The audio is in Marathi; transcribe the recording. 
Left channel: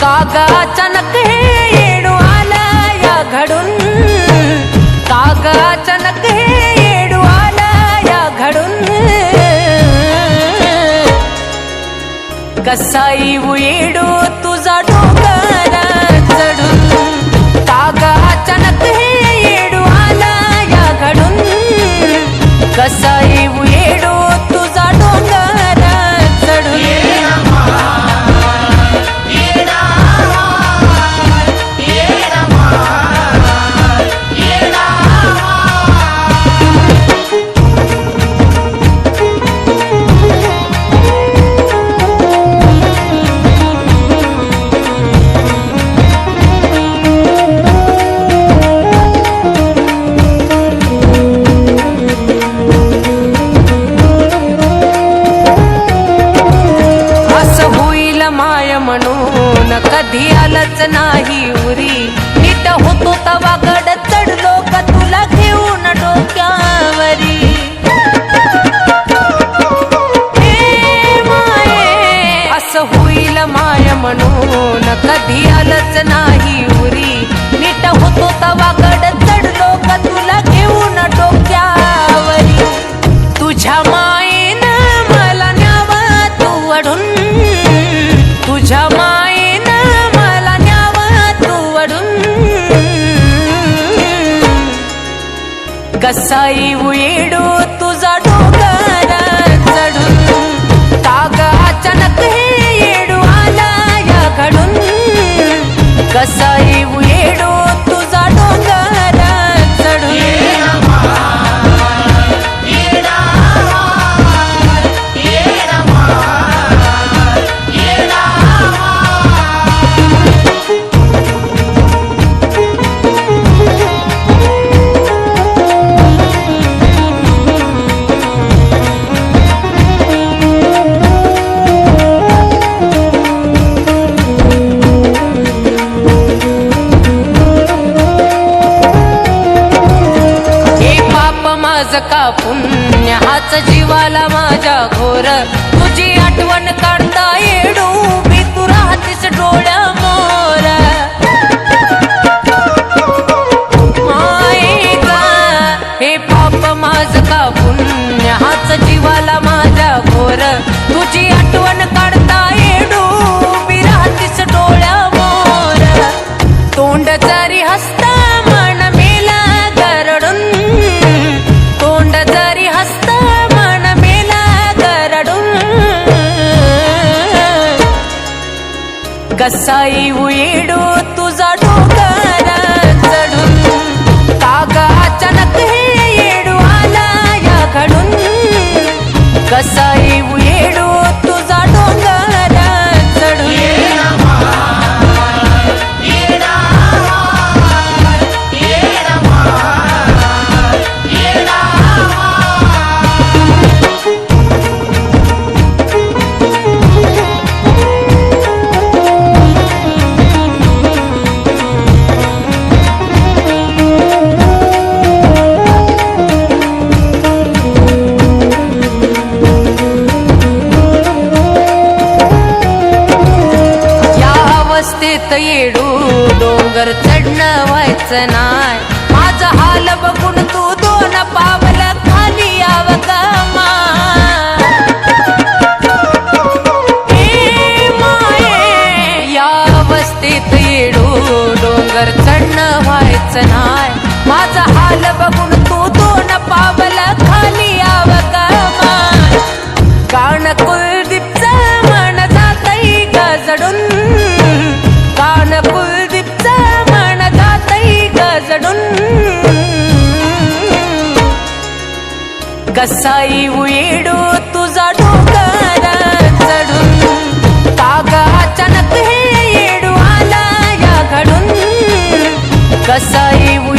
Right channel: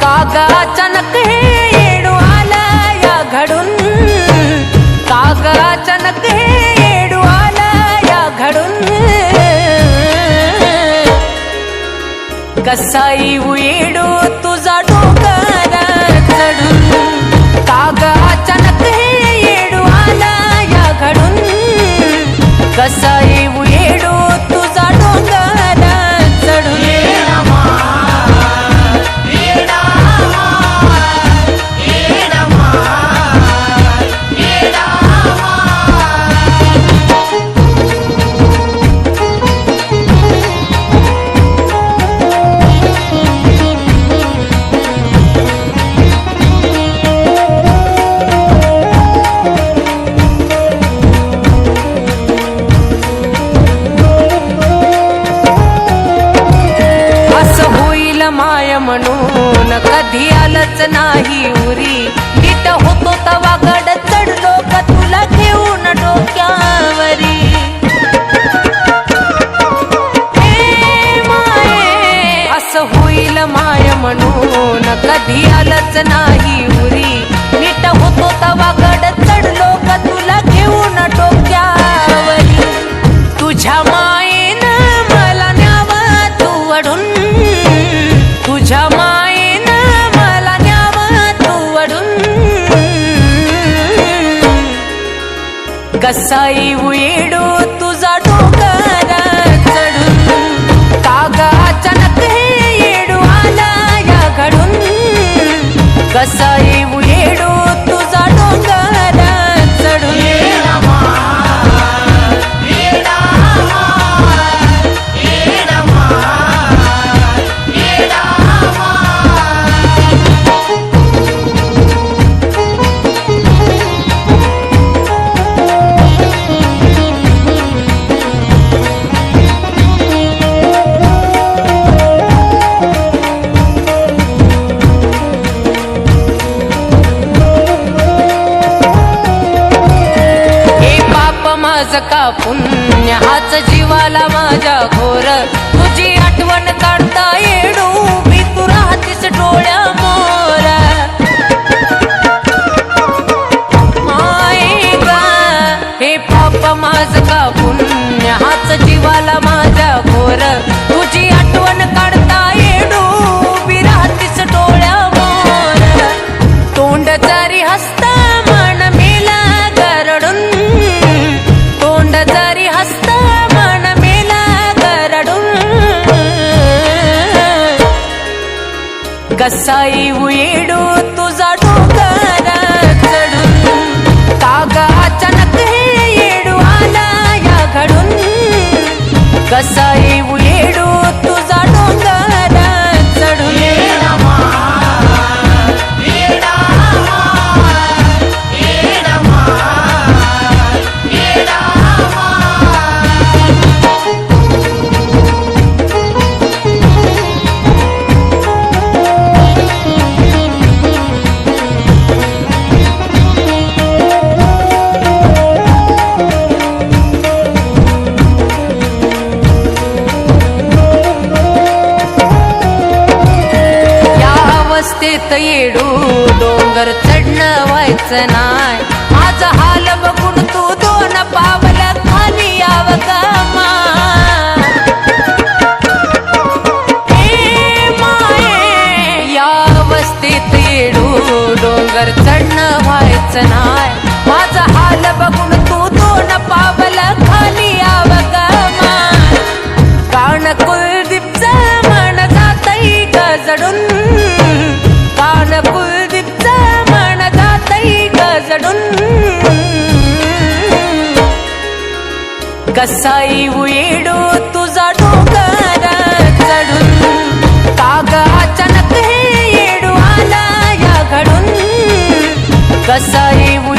कागा अचानक हे येडू आलं या घडून, कागा अचानक हे येडू आलं या घडून, कसा येऊ येडू तुझा डोंगर चढून, कागा अचानक हे येडू आलं या घडून, कसा येऊ येडू तुझा डोंगर चढून. माय म्हणून कधी आलंच नाही उरी, नीट होतो तवा गड चढलो का तुला घेऊन डोक्यावरी. हे माये असं होईल माय म्हणून कधी आलंच नाही उरी, नीट होतो तवा गड चढलो का तुला घेऊन डोक्यावरी. तुझ्या मायेनं मला न्यावा तू अडून, तुझ्या मायेनं मला न्यावा तू अडून, कसा येऊ येडू तुझा डोंगर चढून, कागा अचानक हे येडू आला या घडून, कसा येऊ येडू तुझा डोंगर चढून. माझ का पुण्य हाच जीवाला माझ्या घोर, तुझी आठवण काढता येडू भी तू राहतीस डोळ्या मोर. माये गा हे पाप माझ का पुण्य हाच जीवाला माझ्या घोर, तुझी आठवण काढता येडू भी राहतीस डोळ्या मोर. तोंड जरी हसता मन मेला गरडून, तोंड जरी हसता मन मेला गरडून, कसा येऊ येडू तुझा डोंगर चढून, कागा अचानक हे येडू आला या घडून, कसा येऊ येडू तुझा डोंगर चढून. अवस्थेत येडू डोंगर चढणं व्हायचं नाय, माझा हाल बघून तू दोन पावल खाली यावं ग माय. हे माये या अवस्थेत येडू डोंगर चढणं व्हायचं नाय, माझा हाल बघून तू दोन पावल खाली यावं ग माय. कान कुलदीपचं मन जातई गजडून, कान कुलदीपचं मन जातई गजडून, कसा येऊ येडू तुझा डोंगर चढून, कागा अचानक हे येडू आला या घडून, कसा येऊ